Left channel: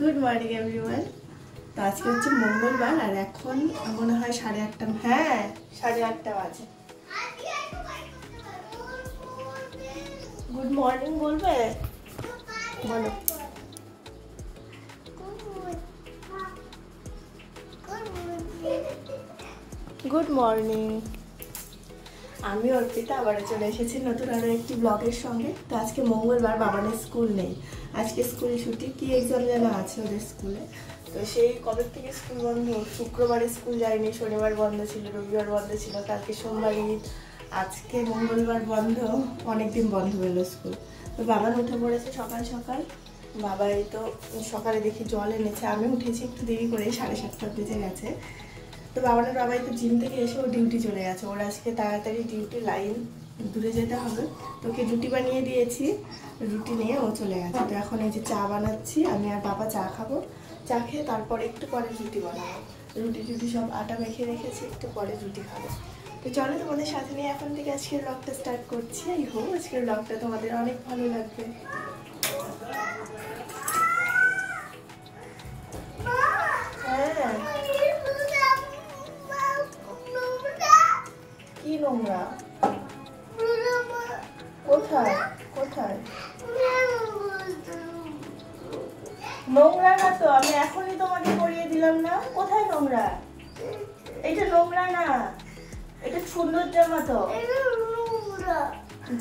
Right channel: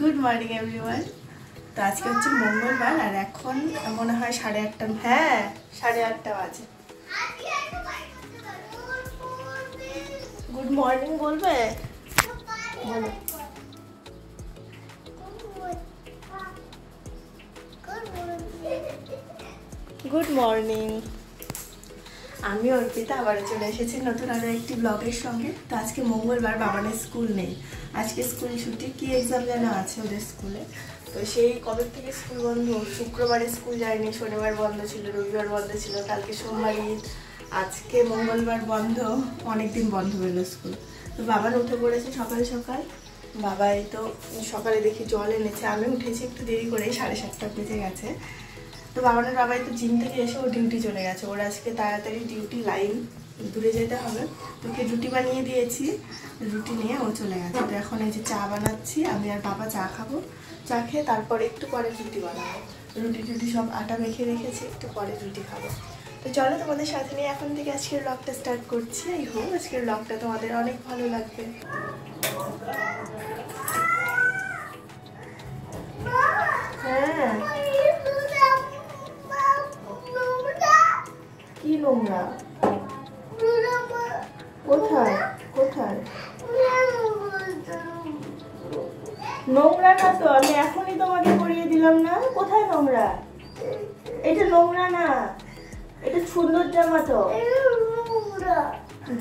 Good morning everyone. তো আজকে হচ্ছে মঙ্গলবার আর এখন মনে হয় 8:30। হ্যাঁ 8:30 বাজে। গুড মর্নিং বলবে? বলো। Good morning. আমি অর্পিতা আবারও চলে এসেছি নতুন আরও একটি ব্লগের সঙ্গে। তো আজকে মঙ্গলবার, বাবানের স্কুল নেই, আজকে স্কুল ছুটি। কি এক্সাম যেন আছে ওদের স্কুলে, তো সেই কবে থেকে স্কুল বন্ধ। শুক্রবারে স্কুল যায়নি, শনিবার বন্ধ ছিল, রবিবার বন্ধ ছিল, কালকে সোমবার ঈদ, আজকে মঙ্গলবার বন্ধ। অনেকদিন বন্ধ হলো স্কুল। তো বাবান উঠে পড়েছে সকাল সকাল। বাবাই তো সকালে দেখি জল এনেছে, আমি উঠেছি একটু দেরি করে, 7:30 বেজে গেছে। তো বাবানের বাবাই তো জিম থেকে এসে ও ডিউটি চলে গেছে। ওর আজকে তাড়াতাড়ি ডিউটি, লাইন দূরে যেতে হবে। তো ওকে রুটি বানিয়ে দিয়েছি, রুটি নিয়ে ও চলে গেছে। তো এখন এই যে চা বানাচ্ছি, আমি আর বাবা চা খাবো। চা খেয়ে তারপর একটু পরে রুটি বানাবো। রুটি সব আটা মেখে রেখেছি, একটু পরে রুটি খাবো। তো চলো তোমাদের সাথে নিয়ে এখন থেকে আজকের ব্লগটা স্টার্ট করছি। আই হোপ আজকের ব্লগটা তোমাদের অনেক ভালো লাগবে। হ্যাঁ কি নোংরা? কোথায় কোথায়? নোংরা না তো, আমি এখনই তোমাকে করিয়ে দিলাম না। কোথায় নোংরা? এটা নোংরা না, এটা সুন্দর জামা। তো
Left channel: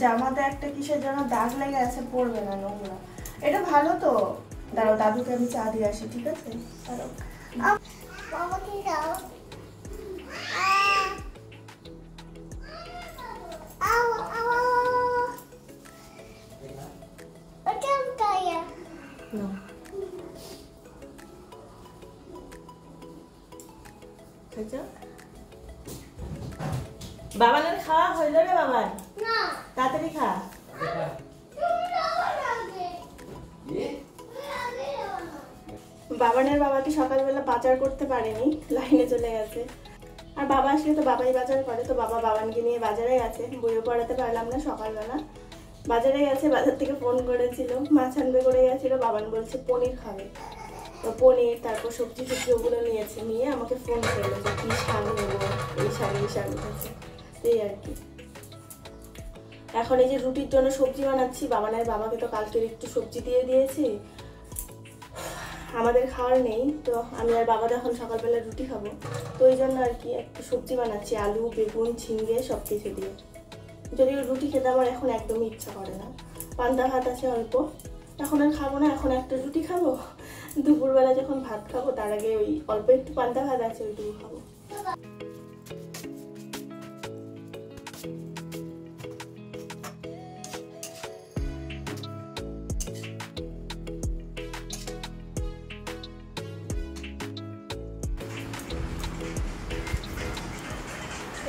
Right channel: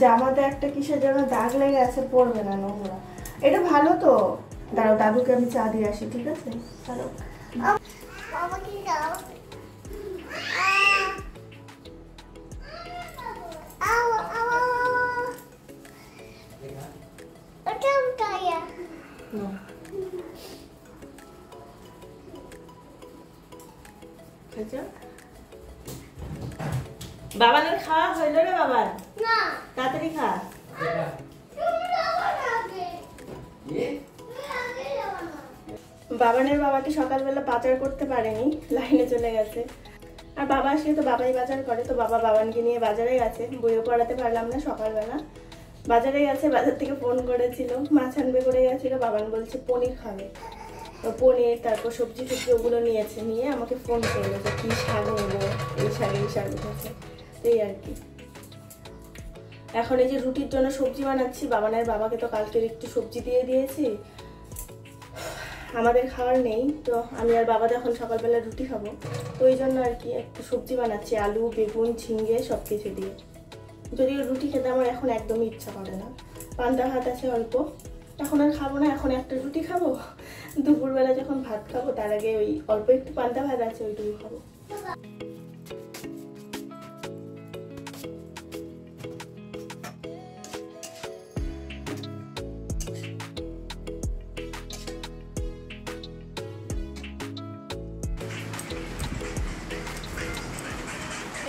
জামাতে একটা কিসের জন্য দাগ লেগে আছে, পড়বে না, নোংরা। এটা ভালো তো। দাঁড়াও, দাদুকে আমি চা দিয়ে আসি, ঠিক আছে? দাঁড়াও। বাবানের খাওয়া হইল রে? বাবার তাড়াতাড়ি খা। বাবানের বাবাকে সকালবেলা বাজার করতে পারেনি, লাইনে চলে গেছে। আর বাবা আসলে তো বাবাই বাজার করে। তো বাবা বাবানকে নিয়ে বাজারে গেছে, বইও পড়াতে পারলাম না। সকালবেলা বাজারে গেছে, বাজার থেকে ফোন করেছিল, মাছ আনবে করে গেছিল। বাবান বলছে পনির খাবে, তো পনির তারপর সবজি ওগুলো নিয়েছে। নিয়ে আমাকে ফোন করলো যে কি শাক নেবো, এই শাক উঠেছে। এই আর কি। এখন এই যে রুটির জন্য সবজি বানাচ্ছি। বাবানের বাবাকে তো কালকের একটু সবজি দিয়ে দিয়েছি, আমাদের খাওয়ার নেই। তো আমি আর বাবা এখন সকালবেলা রুটি খাবো, তো ওই জন্য আর কি একটু সবজি বানাচ্ছি, আলু বেগুন ঝিঙ্গে সব কিছু দিয়ে। যদিও রুটি খেতে আমার এখন একদমই ইচ্ছা করে না। পান্তা ভাত আছে অল্প, এখন আর খাবো না। এখন একটা রুটি খাবো, দুপুরবেলা যখন ভাত খাবো তার আগে ওই অল্প একটু পান্তা ভাত আছে, ওইটুকু খাবো।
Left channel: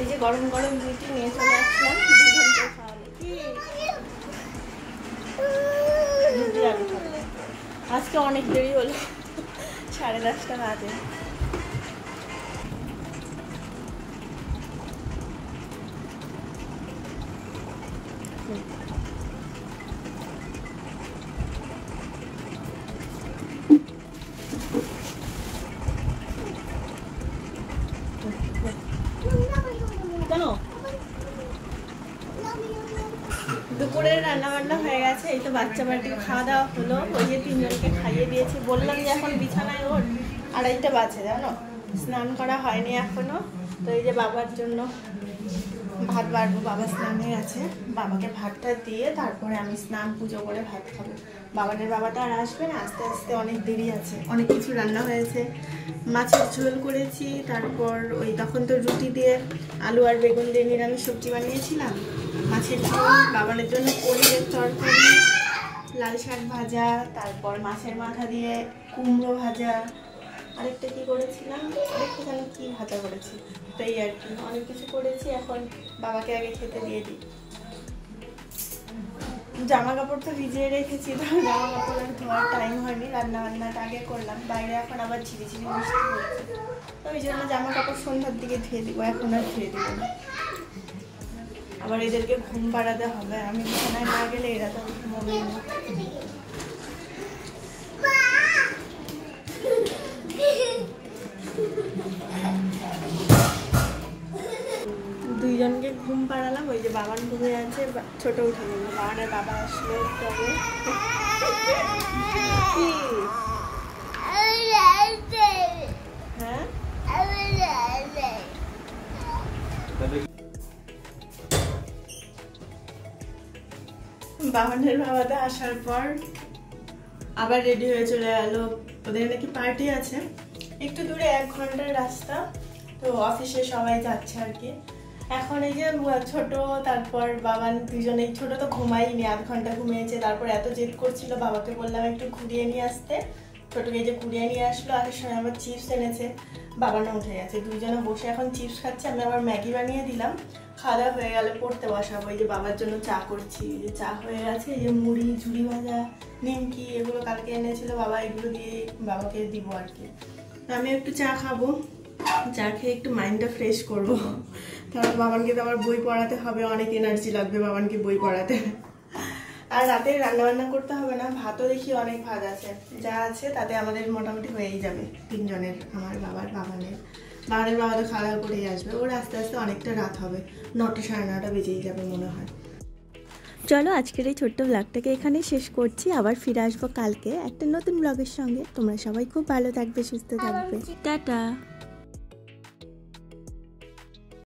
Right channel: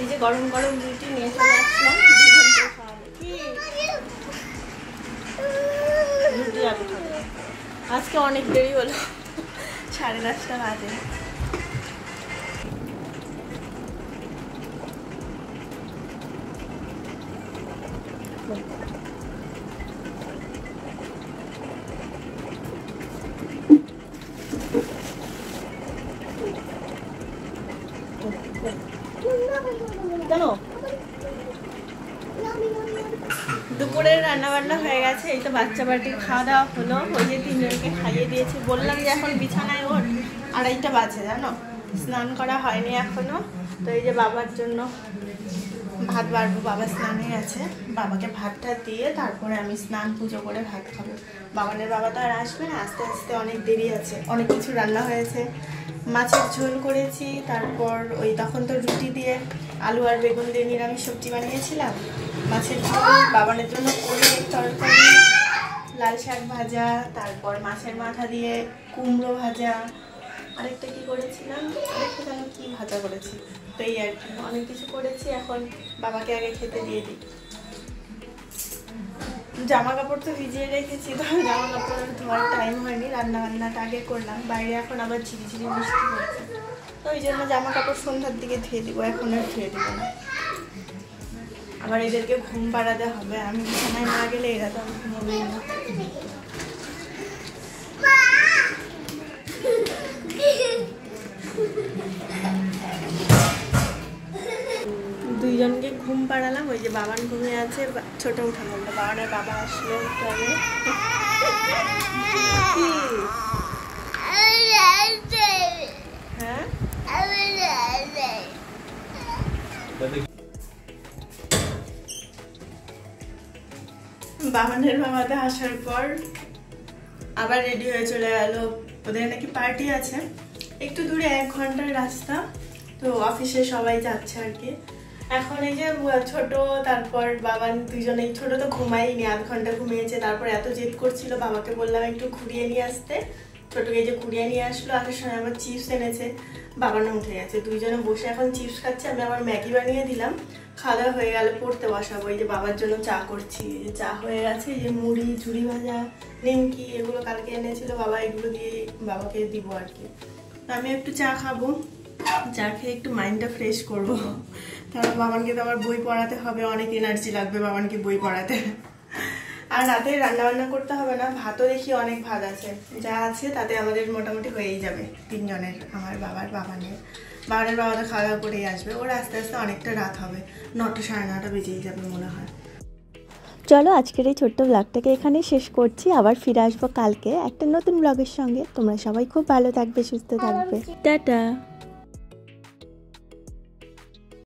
এই যে গরম গরম রুটি নিয়ে চলে আসলাম, দুজনকে খাওয়াবো। কি রুটি আলু খাবো। আজকে অনেক দেরি হলো, 10:30 বাজে। কেন? দুপুরের রান্না বান্না হয়ে গেছে, এই তো বাচ্চা বাড়ির খাওয়া দাওয়া হলো। ওই যে 3জনকে খাইয়ে দিয়েছি, বললাম যে এখন বিছানায় ওঠ। 2:30 বাজে জানো, স্নান করা হয়নি এখনো। তো এই যে বাবার জন্য ভাত বাড়বো, বাবা স্নানে আছে। বাবাকে ভাতটা দিয়ে তারপরে আমি স্নান পুজো করে ভাত খাবো। বাবানের বাবা তো আর আসবে না, আস্তে আস্তে অনেক দেরি আছে। অনেক কিছু রান্না হয়েছে, মাছের ঝোল করেছি, তারপর ওই তখন তো রুটি দিয়ে আলু আর বেগুন দিয়ে নিরামিষ সবজি বানিয়েছিলাম, মাছের ঝোল, বাবানের জন্য পনিরের তরকারি, লাল শাক ভাজা, তারপর মাছের মাথা দিয়ে কুমড়ো ভাজা, আরেকটা কি করেছিলাম, আরেকটা যেন কি ভাজা করেছি। তো এই আর কি, অনেক কিছু করেছি। এখন বাবাকে আগে খেতে দিয়ে দিই। জামা কাপড় তো ভিজিয়ে রেখেছি, তো জামা কাপড় ধোয়ার টাইম হয়নি, রান্না বান্নাটা আগে করলাম। বাইরে এখন আবার ঝিরিঝিরি বৃষ্টি হচ্ছে, তো ওই জন্য জামা কাপড় সন্ধ্যার দিকে ধুয়ে দিব, এখন আর ধুয়ে দিব না। আবার এদেরকে ঘুম পাড়াতে হবে, আমি বিছানায় না গেলে এরা তো ঘুমোবেই না। জানালাম, ওই যে বাবান ঘুমিয়ে আছে, ছোট উঠে বললো। বাবানের বাবা আসলো তবে হ্যাঁ বাবানের বাবাতে আসার পর আবার রেডি হয়ে চলে গেল। ওদের নাকি পার্টি আছে, একটু দূরে 1 ঘন্টার রাস্তা, তো অফিসে সবাই যাচ্ছে আর কি। এখন এই যে ছোট তারপর বাবান দুজনেই, ছোট তো ঘুমাইনি, 1/2 ঘন্টা ঘুমিয়েছে, তারপর এত জেদ করছিল, বাবাকে বললাম একটু ঘুরিয়ে নিয়ে আসতে, ছোটকে যে ঘুরিয়ে নিয়ে আসলো। আসার সময় আবার চিপস এনেছে, বাবানও উঠে গেছে, দুইজনে বসে এখন চিপস খাচ্ছে। আমি আবার ম্যাগি বানিয়ে দিলাম, খাওয়া হয়ে গেলে পড়তে বসাবো। এই যে বাবার জন্য চা করছি, এই যে চা হয়ে গেছে, এই যে মুড়ি, ঝুড়ি ভাজা, নিমকি, এগুলো কালকে এনেছিল বাবা, এগুলো দিয়ে বাবাকে দিব আর কি। আমি একটু চা খাবো, চা খেয়ে একটু মাইন্ডটা ফ্রেশ করবো, কারণ বাবানকে তো আবার বই পড়াতে হবে, অনেক এনার্জি লাগবে বাবানকে বই পড়াতে। আর রাতে রান্নাবান্না করতে হবে না, ভাতও দেখি অনেক ভাত আছে, যা আছে তাতে আমাদের মোটামুটি হয়েই যাবে 3 জনের, আমার বাবার, বাবানের বাবা তো খাওয়া দাওয়া করেই আসবে। ওর আস্তে আস্তে অনেকটা রাত হবে, 9টা 9:30 বেজেই যাবে মনে হয়। চলো আজকের এই ছোট্ট ব্লগটাকে এখানেই শেষ করছি, আবার ফিরে আসবো কালকে একটা নতুন ব্লগের সঙ্গে। তোমরা সবাই খুব ভালো থাকবে, সুস্থ থাকবে, টাটা।